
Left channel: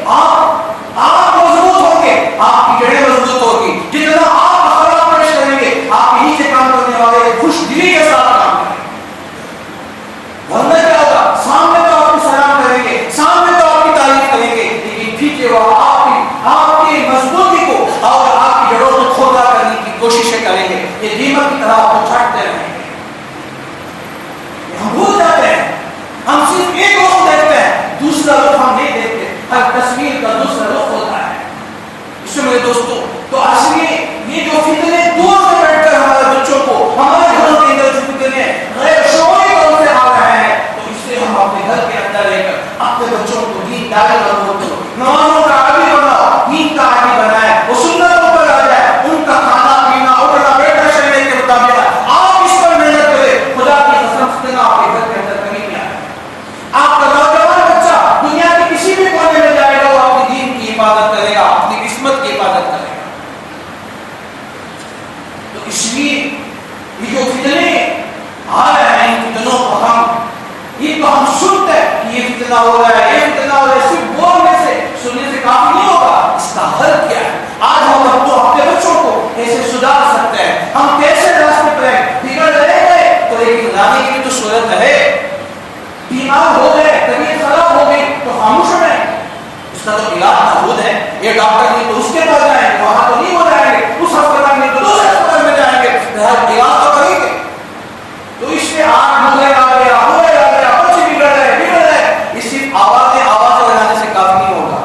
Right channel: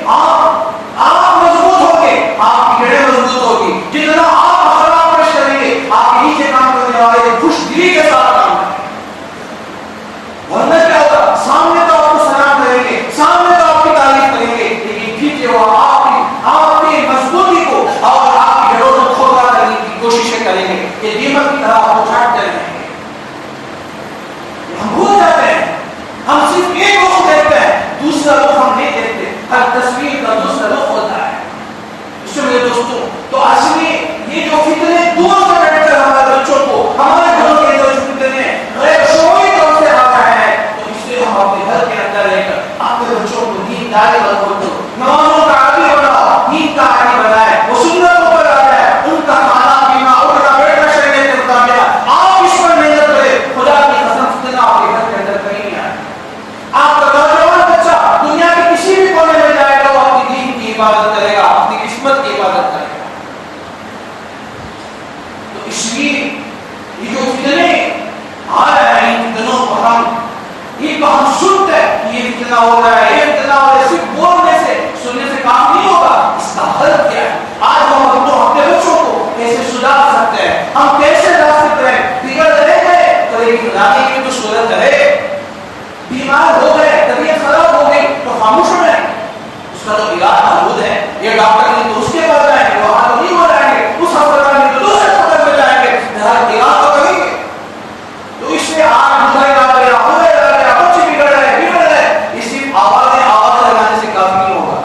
آپ مضبوط ہوں گے، آپ کی جڑیں مضبوط ہوگی. جتنا آپ اخلاق پیش کریں گے، آپ کے نیچے کام کرنے والے خوش دلی کے ساتھ کام کریں گے. ورنہ کیا ہوگا؟ سامنے تو آپ کو سلام کریں گے، سامنے تو آپ کی تعریف کریں گے، لیکن پیچھے وہ آپ کی مضبوطی کو اور آپ کی جڑوں کو کھوکھلا کرنے کی کوششیں کریں گے. یہ دیمک کی طرح آپ کو چھاٹ کر رہیں گے. ہم بھول جاتے ہیں، ہم صرف ایک رخ دیکھتے ہیں، دوسرا رخ ہم نہیں دیکھتے. ہر تصویر کا دوسرا رخ ہوتا ہے. اس میں میرے دوستوں تو اصل میں یہ جو فتنے دور سے بیٹھ کر ہمارے بچوں کو ہمارے گھروں کے اندر فتنے غیر شعوری طور سے آ رہے ہیں، تو اس لیے ہم اپنے گھر کے اندر رہ کر اپنے بچوں کو دین داری بناؤ، نمازوں کا عادی بناؤ، دین کا عادی بنائے، وہ سنتوں پر آ جائے، ان کا کھانا پینا اٹھنا بیٹھنا شریعت کے مطابق آپ اس پر محنت کریں. خدا کی قسم فتنہ آپ کے گھر کے اندر کہیں نہیں آئے. آپ کا نوجوان بچہ دنیا کے کسی بھی کونے میں جائے گا، وہ اپنی دین کی حفاظت کرے گا، اپنی قسمت کی حفاظت کرے گا. تو اس لیے یہ جو فتنے آ رہے ہیں، ان فتنوں کو ہم سنتے ہیں کہ یہ فتنہ ہو رہا ہے، یہ فتنہ ہو رہا ہے. صرف بولنے سے سننے سے کافی نہیں ہوگا، اس کا حل کیا ہے؟ آج ہم اپنے بچوں کو کیسے سدھار سکتے ہیں؟ ہم کیسے راستے پر ہیں؟ بگڑ رہے ہیں تو لیکن بنانے کی تو صورت ہے. بیمار ہو گئے، طبیعت خراب ہو گئی تو خاموش ہو رہے ہیں، اس کا تو علاج موجود ہے. یہ ڈاکٹر نہیں تو اس کے پاس جائیں گے، وہاں تو نہیں ہو جائیں گے، اس ہسپتال میں تو دوسرے ہسپتال میں جائیں گے، علاج تو کریں گے. تو اس سے آج موبائل آ گیا، بچے بگڑ رہے. اس سے آواز لگانے سے کافی نہیں ہوگا.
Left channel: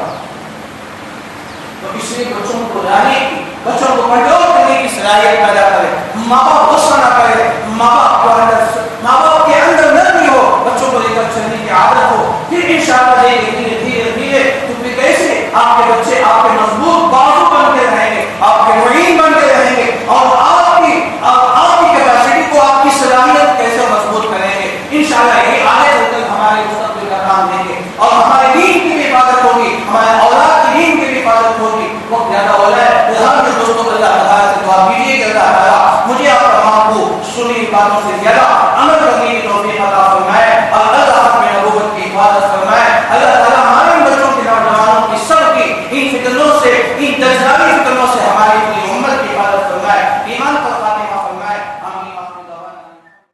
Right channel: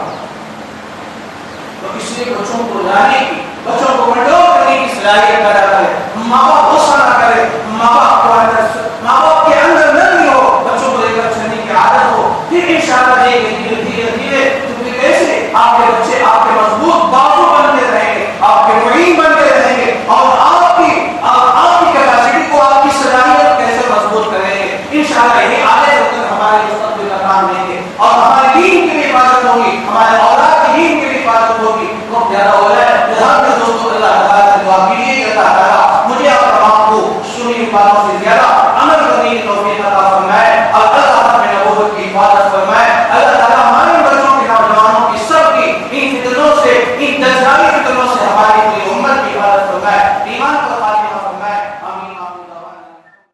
تو اس لیے بچوں کو لانے کی، بچوں کو کنٹرول کرنے کی صلاحیت پیدا کرے. ماں باپ غصہ نہ کرے، ماں باپ کے اندر نرمی ہو، بچوں کو لے کر چلنے کی عادت ہو. پھر انشاءاللہ دھیرے دھیرے کیونکہ کیسے آپ کے بچے آپ کے مضبوط بازو بن کے رہیں گے، آپ کے معین بن کے رہیں گے، اور آپ کی کیپیسٹی کو، آپ کی صلاحیت کیسے مضبوط کریں گے. انشاءاللہ یہ آگے چل کر ہمارے مستقبل کا کام لیں گے، اور ہمارے دین کی بھی حفاظت ہوگی، ہمارے اولاد کی دین کی بھی حفاظت ہوگی. وقت زیادہ ہو رہا ہے، ہر میں دوستوں اللہ تعالیٰ سے دعا کیجیے کہ اللہ تعالیٰ مجھے آپ تمام کو سنی باتوں سے زیادہ عمل کرنے کی توفیق عطا فرمائے، اور اللہ اپنے نبوت کی حفاظت فرمائے. اللہ تعالیٰ ہمارے بچوں کے نوجوانوں کی سب کی ان فتنوں سے، ان